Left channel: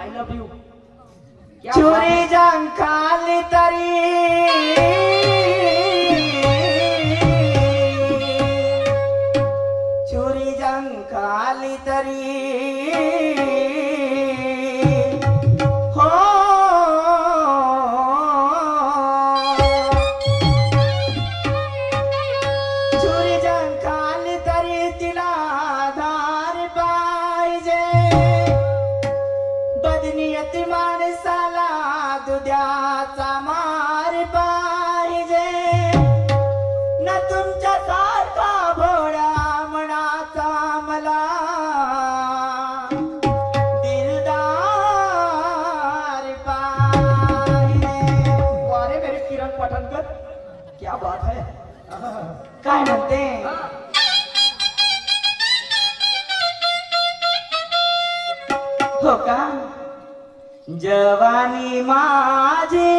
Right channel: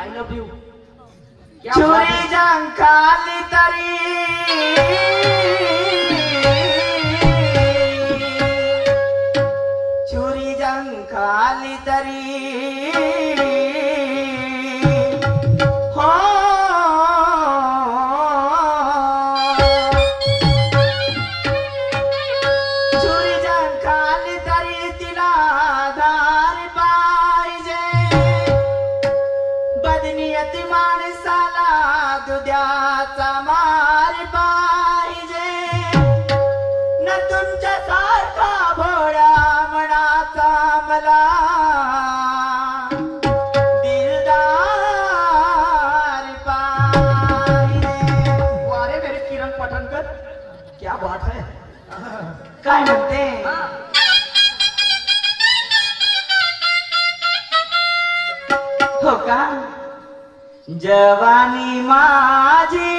I love you चोरी जंखाली तरी चोरी जंखाली तरी हो चोरी जंखाली तरी तिला आधार पाहिजे बदनियत माणसाला दुध्याचा मार पाहिजे न तुमच्या सारखा भोळा मनाचा मला दिलदार पाहिजे. वारे मेरे किरण पठाणकर क्या बात है. काय म्हणते हो का जवानी माझी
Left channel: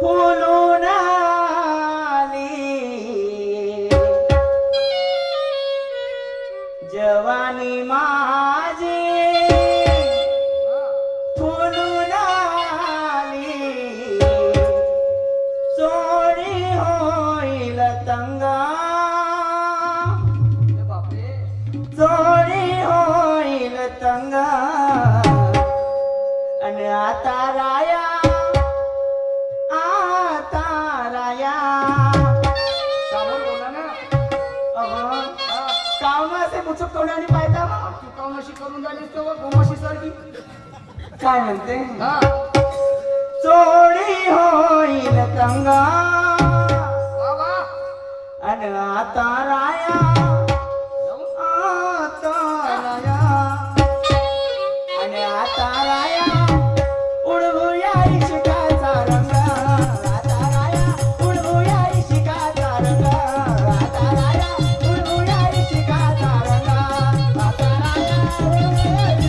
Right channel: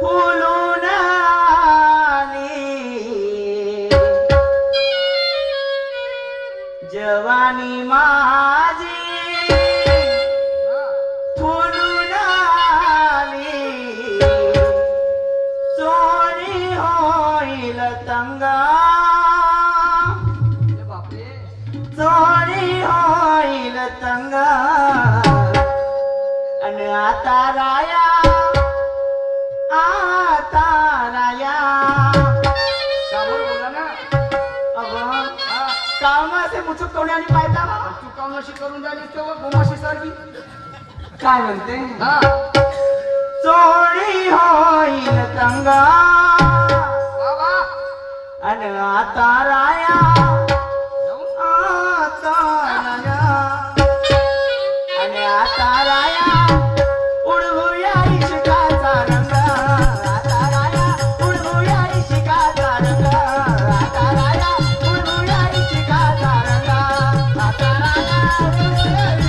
फुलून आली जवानी माझी फुलून आली चोरी होईल तंगा चोरी होईल तंगा आणि आता राया सामोर बोला ना. अगं कामाचे मुचक तोंडाने पाहिजे तू कामाशी करून झाली तेव्हा गोमाशी सारखी. काय म्हणते हा चोरी होईल तंगा वा वा. आणि आता राया आता राया आणि आता राया उडवूया इश्काचा रंग आता राया उडवूया इश्काचा रंग आता राया उडवूया इश्काचा रंग आता राया उडवूया इश्काचा रंग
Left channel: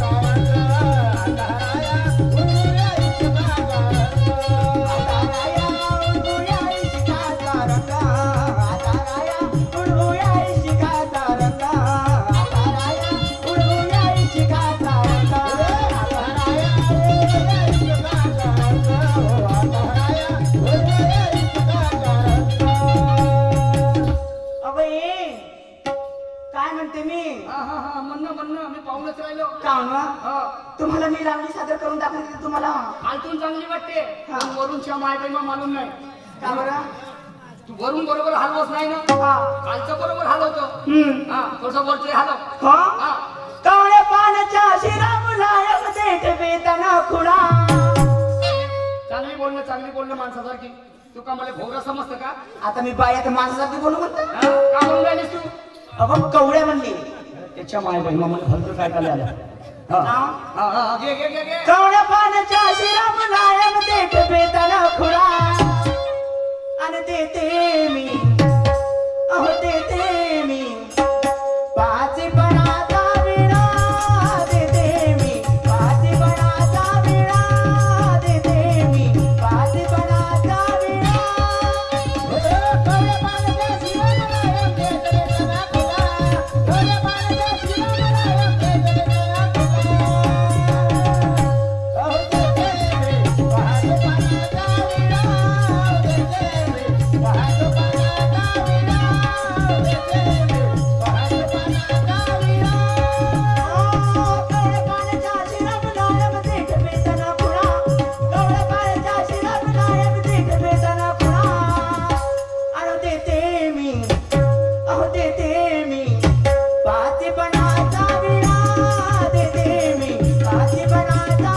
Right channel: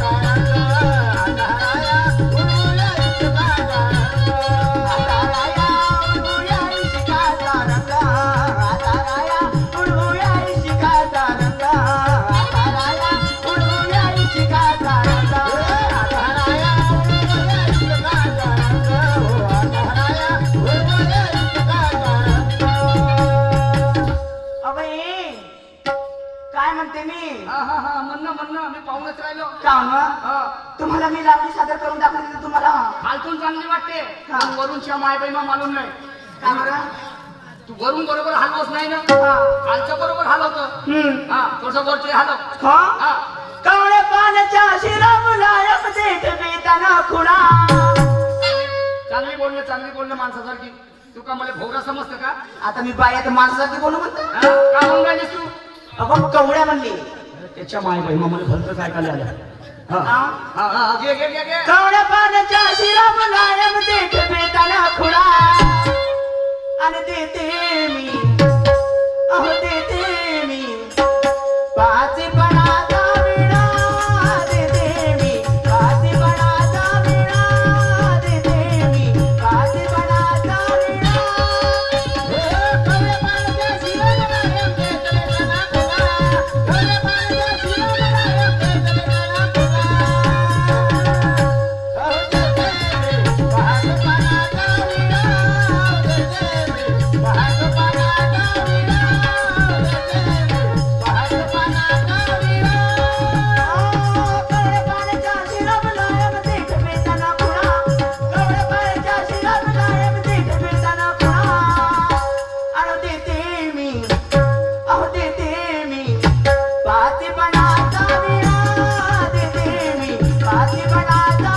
आता राया उडवूया इश्काचा रंग आता राया उडवूया इश्काचा रंग आता राया उडवूया इश्काचा रंग आता राया उडवूया इश्काचा रंग आता राया उडवूया इश्काचा रंग आता राया उडवूया इश्काचा रंग. अबे काय म्हणते मी हा हा हा म्हणणं म्हणणं मी पाहूनच राहिलो. काम हा तुम्हाला मी लावणी सादर करून दाखवली तर तुम्हाला खालतून चांगली वाटते हा. पण वरूनच्या मायबाईमा मालूम नाही. का बरं तू वरून बरोबर हलवच नाही ना. हा खालच्या बरोबर हलवतो. हा थोडस वरचे हलव. हा हा कावळ्या पाण्याच्या शिरा मुलायम देठ बेताना खुणा चांगली बोलणं माणसासारखी. तू का मला भोवरा समजतं का. आता मी बाई तर माणसासाठी बोलू म्हणतो हा? का म्हणून राहिलीस तू. अगं कवड्या म्हणली त्याच्या माय बाई मला भलतं काय काय आलं. हा? हा हा घे घे घे घे. कावळ्या पाण्याच्या शिरा मुलायम देठ बेताना खुणा आणि देते मी अहो देते मी पाचपणाचा विडा देते मी पाचपणाचा विडा देते मी पाचपणाचा विडा कवळ्या पाण्याच्या शिरा मुलायम देठ बेताना खुणा कवळ्या पाण्याच्या शिरा मुलायम देठ बेताना खुणा अहो देते मी पाचपणाचा विडा देते मी पाचपणाचा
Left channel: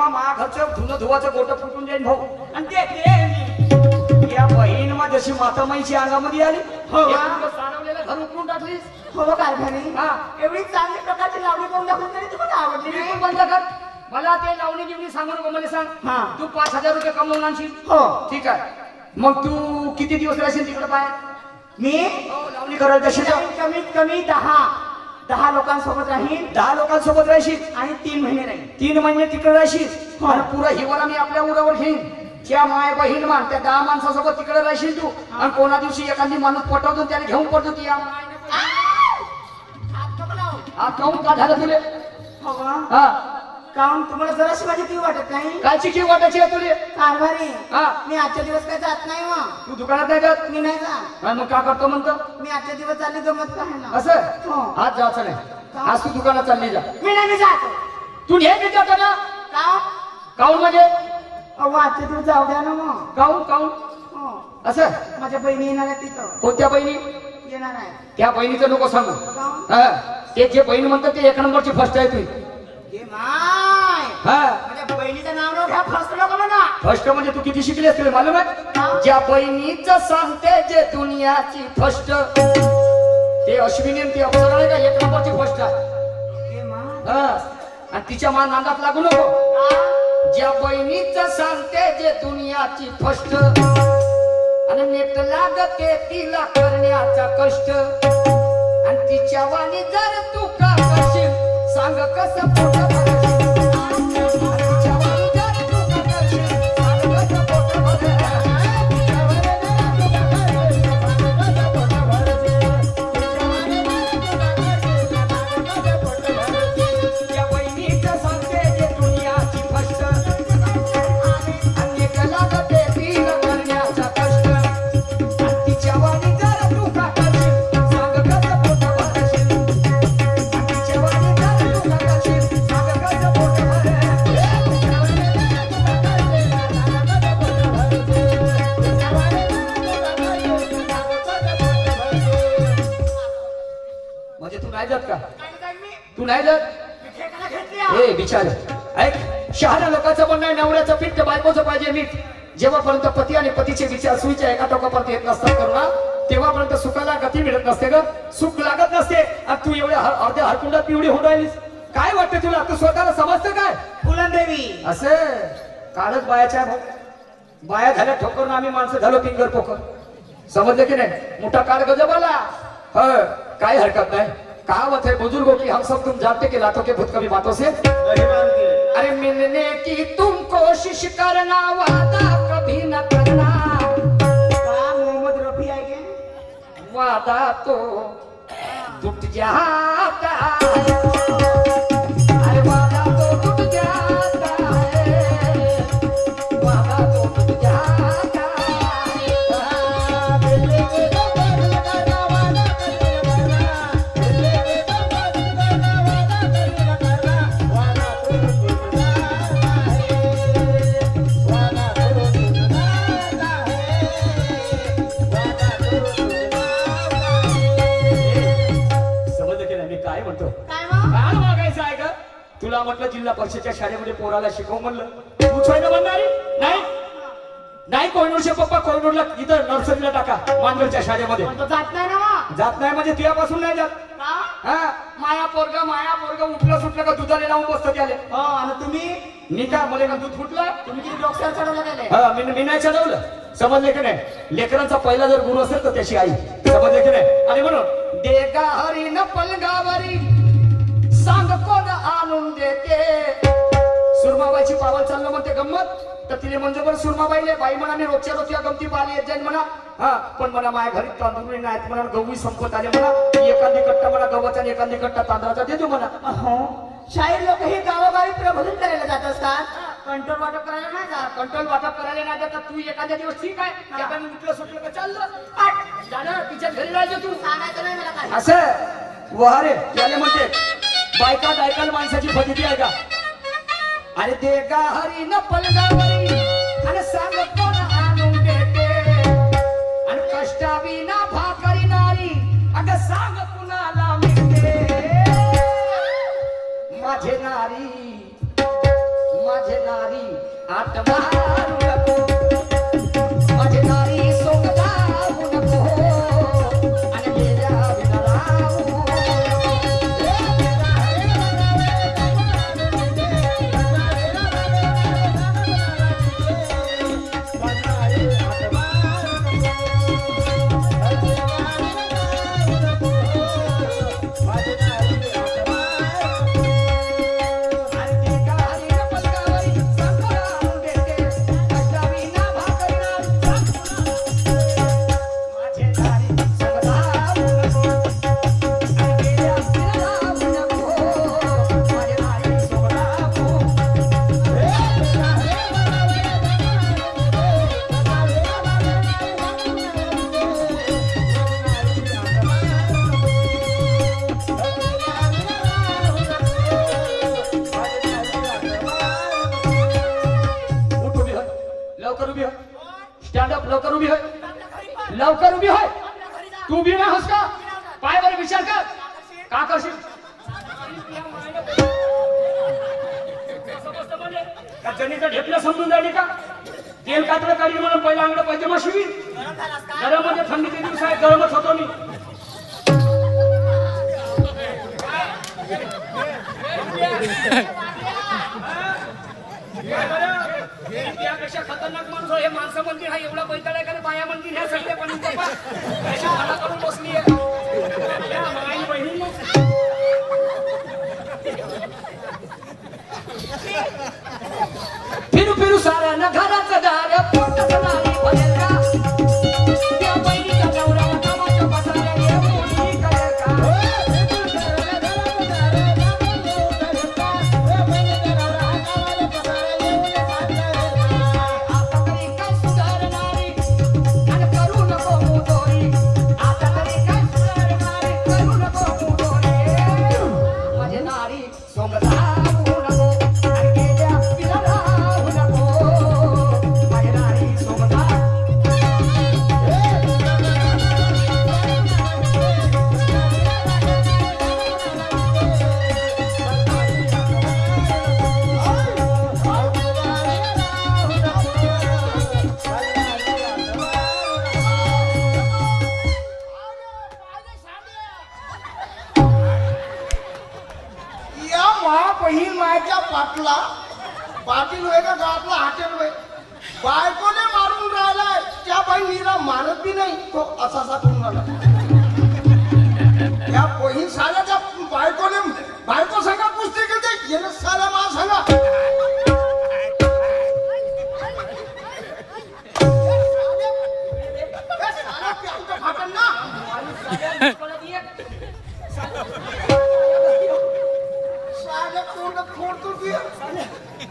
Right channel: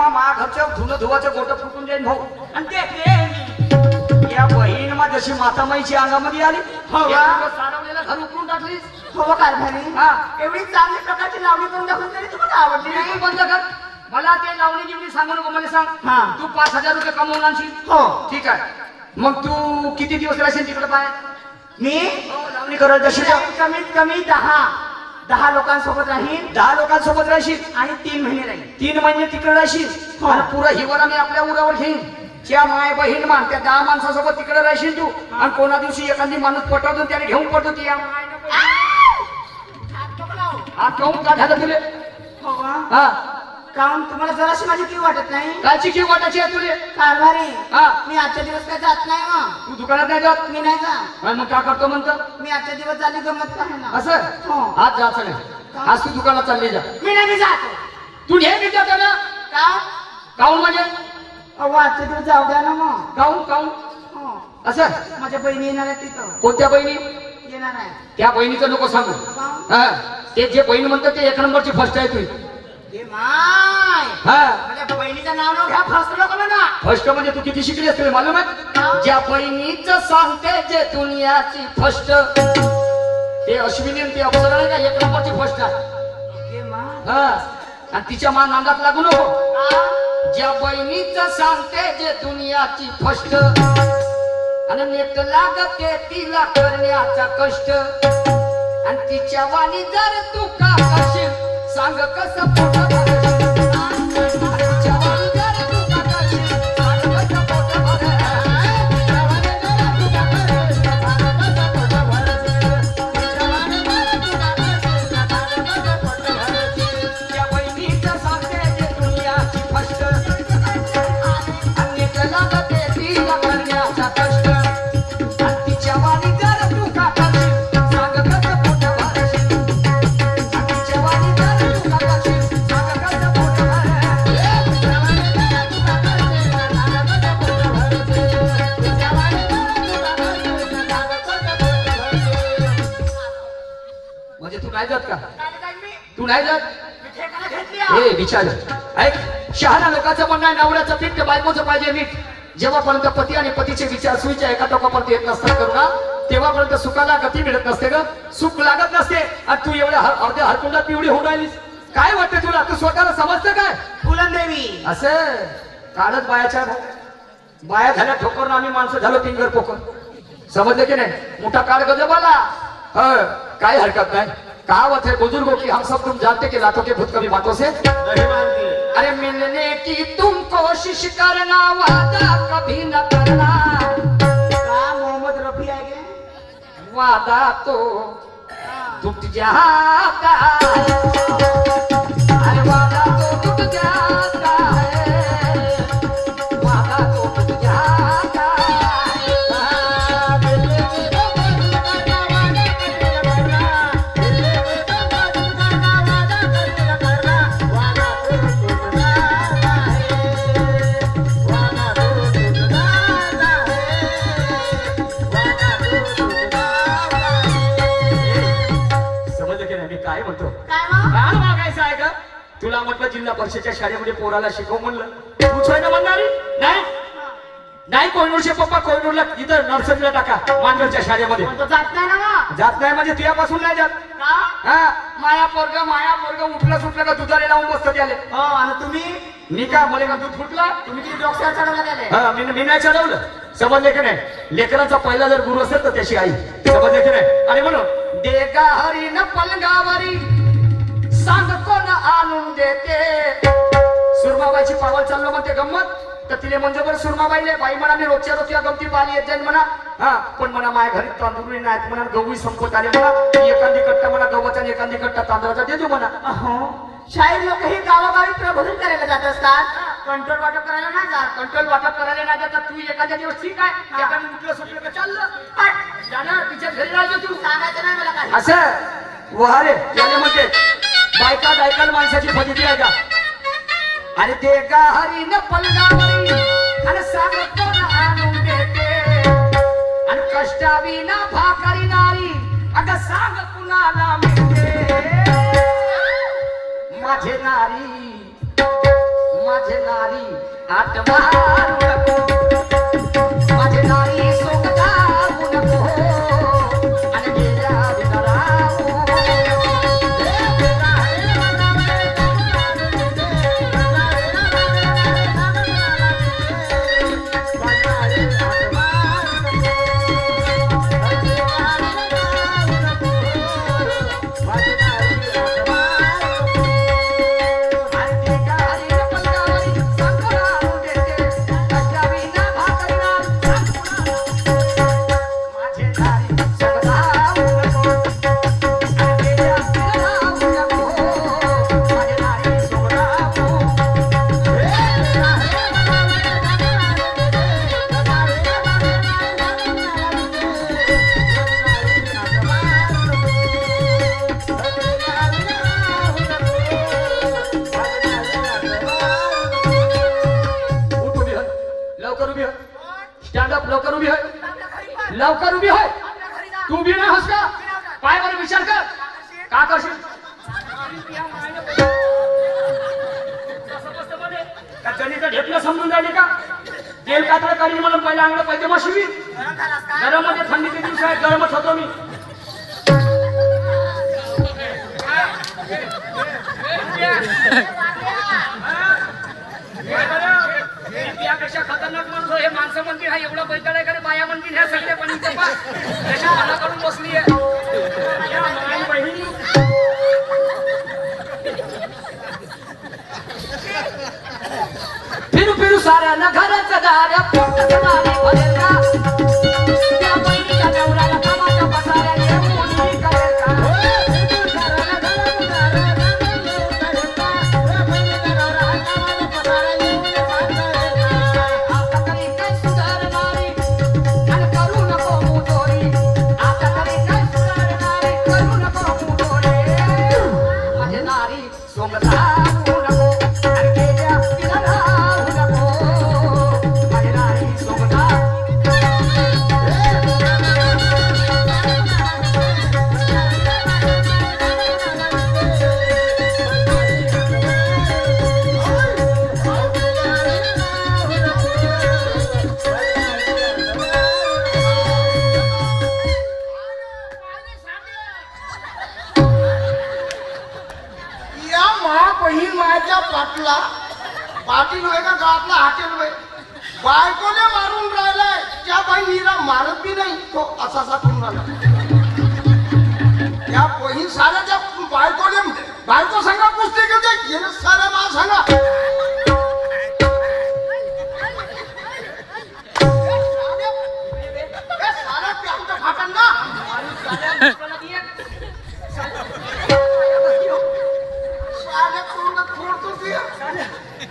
धुवाचं गोट फुटून जाईल भाऊ. आणि ते या बहीण मा जशी मातामाईची अंगामध्ये आली हो का? सारवलेलं घर उकळून टाकलीस. हो कारभारी हा एवढी चांगली प्रकारची लावणी करून दाखवून तरी तुम्हाला आवडली तू नाही बंद कर. मला ते लावणी जीवनी सांगू नको मला सांग. हा. तू 5,000 रुपये कमवून आणशील. हो. ठीक आहे. मग तू किती दिवस राहशील तिकडे पाण्यात? मी लावणी करायला जशी कमीत कमी 10 लोकांसोबत राहीन. 10 लोकांसोबत राहशील आणि 3 महिने राहीन. 3 महिने तिकडे राहशील. हो. आणि पुरा हिवाळा मी आपल्या उरावर घेईन. ज्या माय बहीण मान त्या 10 माणसासोबत तिकडे राहशील तू. आणि कोणा दिवशी एखादी माणूस पटवतो त्याला घेऊन पडतो ती या माय काऊन का झालं तुले? हो का? हा काम तुम्हाला जराशी माझी किव वाटत नाही? कालची किव वाटायची आहे तुले? कारभारी हा. मी आजच्या दिवस काय जात नाही मग. तू दुकानात नाही जात? मी नाही जात. मग का करतो म्हणतो? मी आजच्या दिवस चालली जमत नाही ना. असं हो. आज जायचं नाही. आज तू दुकानात चालली जा. मी नाही जात. तू हे विचार कर ना. का? काऊन म्हणजे? अहो आजच्या दिवस जाऊ द्या ना मग. काऊन काऊन हो. असं? माझ्या बहिणी येणार आहे तिथं. कोणत्या बहिणी? येणार आहे. त्या बहिणीचं नको सांगू. का? हा ते जे बहीण म्हणतात ते 1 नंबरची फर्स्ट आहे तुझी. ए माय. हा माझ्या बहिणीचं नाव न घ्या. फर्स्ट नको म्हणा. फर्स्ट म्हणजे तू किती शिकली असते मालूम आहे? ज्या बहिणीचं सांगते जे दुनियाची फर्स्ट ते अश्विनी आणि ते अप्सरा नाही का 1 नंबरची फर्स्ट आहे. ए माय. हा आणि तिच्या मान नांदात लागू नको. ज्या बहिणीचं सांगते जे दुनियाची फर्स्ट आणि नेट लागते तिला करण्याचा कष्ट आणि तिच्या वाणी जर तू का करशील सांग कसं पोट भरशील. तिच्या वाणी जर तू का करशील सांग कसं पोट भरशील. त्या बहिणीचं सांगते जे दुनियाची फर्स्ट आणि नेट लागते तिला करण्याचा कष्ट आणि तिच्या वाणी जर तू का करशील सांग कसं पोट भरशील. आणि तिच्या वाणी जर तू का करशील सांग कसं पोट भरशील. म्हणजे तू नाही जात का? तू नाही जात? ए विचार ऐक. शहाणा लोकांचं म्हणणं आहे नवऱ्याचं पीठ तर बायकोचं पाहिजे मीठ. जेव्हापर्यंत पती आणि पतीचे विचार सुईच्या एका टोकापर्यंत येत नसतात करुणा तेव्हापर्यंत सुखाला गती मिळत नसते ग. सुख लागत नसते. आणि तू एवढ्या अर्ध्या हरकुंडात पिवळी होऊन राहिलीस. काय वाटतं तुला? तू स्वतःला समजतं काय? फुलंदेवी. असं काळच बायाच्या बाया झाल्या ठोकरून आम्ही माणसं झालो पिंगर पोकर. समजलं की नाही? मोठा काळ गजबाला. काय हरकत नाही. कहावत है बुजुर्गों की हम सब तुम जानते कि लातों के भूत कभी बातों से अरे मिलने की तुम कोशिश करना वादा कभी न करना. का मोहम्मद रफी आहे के? वादा तो टूट जाता है. अरे वादा तो टूट जाता है. वादा तो टूट जाता है. समजलं की नाही मी काय म्हणतो? काय मग? काय मागायचं आहे का? तुला म्हटलं जिल्हा परिषदेच्या शाळेमध्ये पोराला शिकव म्हणलं. तू छोय ना म्हणणारी नाही. नाही कोयनूरचे पप्पा कोयनूरला इथं नर्सरीला टाका मांजरच्या शाळेमध्ये. पण तो जात नाही ना मग. जात नाही म्हणजे तुझ्यापासून नाही जात. का? हा माया पोरग उठलं सुटलं का दुधाला लावून बसतो त्याले. हो. आणि तुम्ही मी का मला का दूध फुटला? तुम्ही किती डोक्यावर चढवलं गेले? हा मी नाही चढवलं. समजले की नाही? लेकरांचा पहिला जर गुरु असेल तर त्याची आई. समजले की नाही? आणि म्हणून देगा हरी न पलगावरी सांग कोण आणून देते. सुरमाबाईची पावल चाललो म्हणते गंमत तर तिने म्हणजे बरं सुरमाबाईले बाई म्हणा मी रोजच्या रोजच्या गमती पाहिली येत जाईल म्हणा. हा पण म्हणा माझ्या घरी तांदूळ नाहीत म्हणा. गहू संपत आले म्हणा. एखादी कट्टा म्हणा गव्हाचा आणि एखादी कट्टा तांदळाचा देतो म्हणा. हो. शाहीर लोक ही गावोगावी प्रबोधन करायला जात असतात. कंट्रोल वाटप करायला नाही जात. कंट्रोल वाटप करायला नाही जातात. तू एखाद्या दिवस ठीक आहे एखादी उठलं सुटलं का चाललं झालं तिच्या घरी राहिलो तू. सांगायचं नाही मला काय. असं वारे त्याने म्हणते बायका बायकाला माणसाची फजिती आहे का? अरे दे गा हरी न पलगावरी आणि सांग कोण आणून देते. आणि कष्टावी ना भाकरी नारी अगं सांग कुणाला मिळते. माझे नारी आठ मारू नको. माझे नारी सोंग जाऊ नको. आणि गेल्या बिना राहू नको. लवकर उभी होय, लवकर उभी होय. तू उभी ना होस का? पायावर विचार कर. का करशील? का जणीचं ढेपलं समजून राहिली का? तेल कातळ काढी म्हणून पहिला अंगड पाहिजे मग शिवी. गरम मध्ये थंडीचे दिवस आहेत, गरमच होतो मी. यापेक्षा खतरनाक माणूस हे माणसं म्हणतील हा एवढा बैठा आहे का बाया म्हणतील ह्या सगळ्या पण मनाकडून बसली आहे. फिरू फिरू साऱ्या ना घराचं दार पोटाचं दार भरेल का? त्या बहिणीच्या नवऱ्याला कामाच्या पसाऱ्या येऊन करेल का? आता तरी काय सुधारणारी आणि करू नको मुजोरी. आता तरी काय सुधारणारी करू नको मुजोरी. माझे नारी सोमला पाटला पाटील होय का गावातला हाटेल होय बायकोने मारून राहिलाय त्या बहिणीला मारत बी नाही तो असा करून राहिला. त्या बहीण साऱ्याच्या बायकोने बायको सांगा कुस्ती घेते गेले साऱ्या मा सांगा साऱ्या प्यामच्या फाटन ना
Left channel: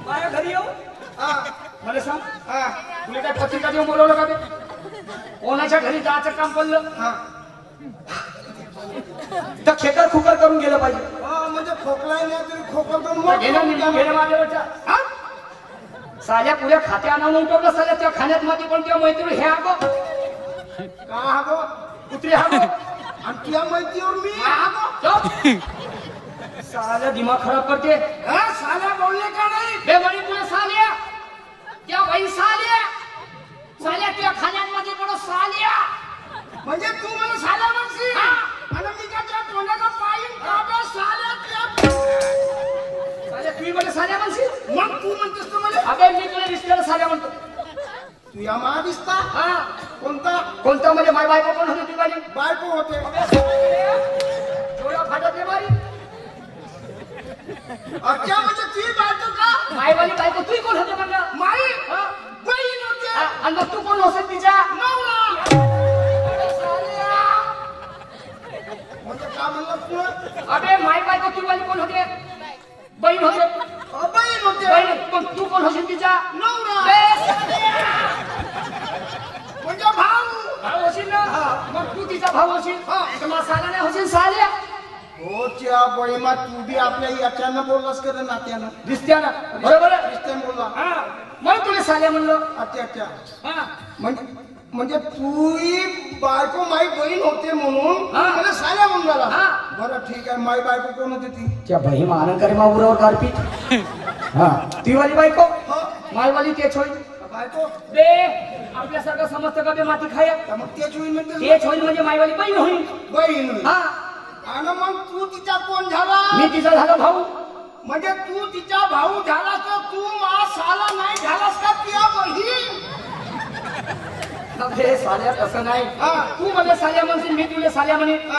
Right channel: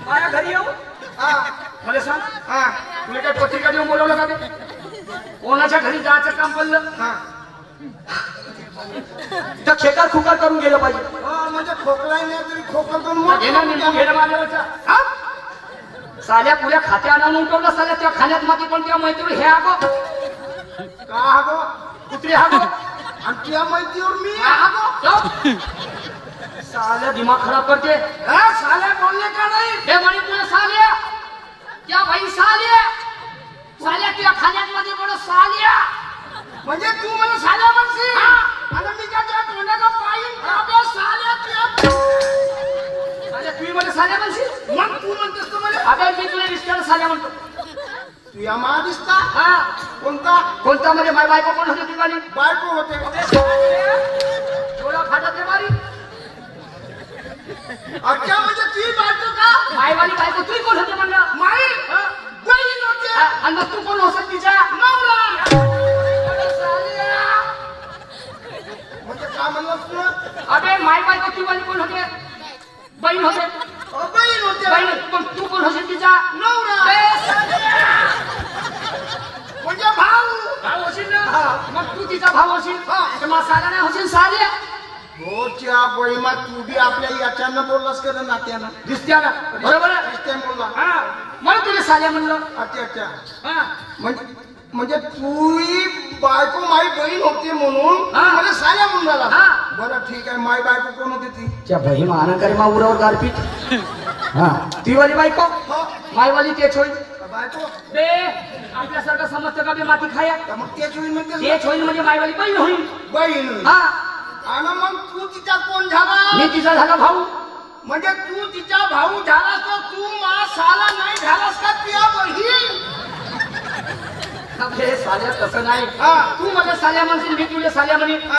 माझ्या घरी येऊ. मला सांग तुला काय पत्रिका देऊन बोलवलं का? कोणाच्या घरी जायचं काम पडलं तर खेकार खुकार करून गेलं पाहिजे. म्हणजे खोकलाही नाही तरी खोकल साल्या पुऱ्या खात्या आणून उठवलं साल्या त्या खाण्यात मध्ये पण त्या मैत्रीण हे आगो का हागो कुत्रे हागो आणि त्या माहितीवर मी साल्या दिमाग खराब करते. साल्या बोलले का नाही हे म्हणे पुढे साल्या त्या बाई साल्या साल्या त्या खाण्यामध्ये पुढे साल्या म्हणजे तू मला साल्या म्हणशील आणि मी त्याच्या तोंडाला पाईन कापे साल्या साल्या तुम्ही मला साल्या म्हणशील मग तू म्हणतेस तू मला अगं मी तुला दिसल्याला साल्या म्हणतो. तू या मा दिसता हा कोणता कोणता म्हणजे माय बायको कोण होती ती बायको होते डोळा फाटत आहे बाई. अच्छा म्हणजे ती बायको का मायवाली बायको तू कोण होते म्हणलं? माई बहीण होते आणि मग तू कोण होते तिच्या नवरा म्हणजे का म्हणलं तू अबे माय बायको तू वाली कोण होते? बहीण होते. बहीण होते बहीण पण तू कोण होते तिचा नवरा म्हणजे भाऊ होशील ना. मग तू तिचा भाऊ होशील मग साला नाही होशील साल्या. हो त्या बहिमा तू बी आपल्या याच्यानं बोललास का रे नात्यानं दिसत्या ना बरोबर आहे. दिसते बोलला म्हणून तुला साल्या म्हणलं. अच्छा अच्छा हा म्हणजे तू बायको माई बहीण होते म्हणून मला साल्या म्हणून झाला. बरं ठीक आहे माई बायको कोण होती ती त्या बही मानन करे मा उरावर गारपीट. हा ती वाली बायको मायवाली तेच होईल बायको बे आपल्यासारखं समजतं का बे माती खाया. मग तेच होईल म्हणजे तेच होईल म्हणजे मायवाली बहीण होईल. बहीण हा आणि मग तू तिचा कोण झाला मी तिचा झाला भाऊ. म्हणजे तू तिचा भाऊ झालास तर तू मा साला नाही झालास का तुझ्या बहीण साल्या तसं नाही. तू मला साल्या म्हणशील मी तुला साल्या म्हणे.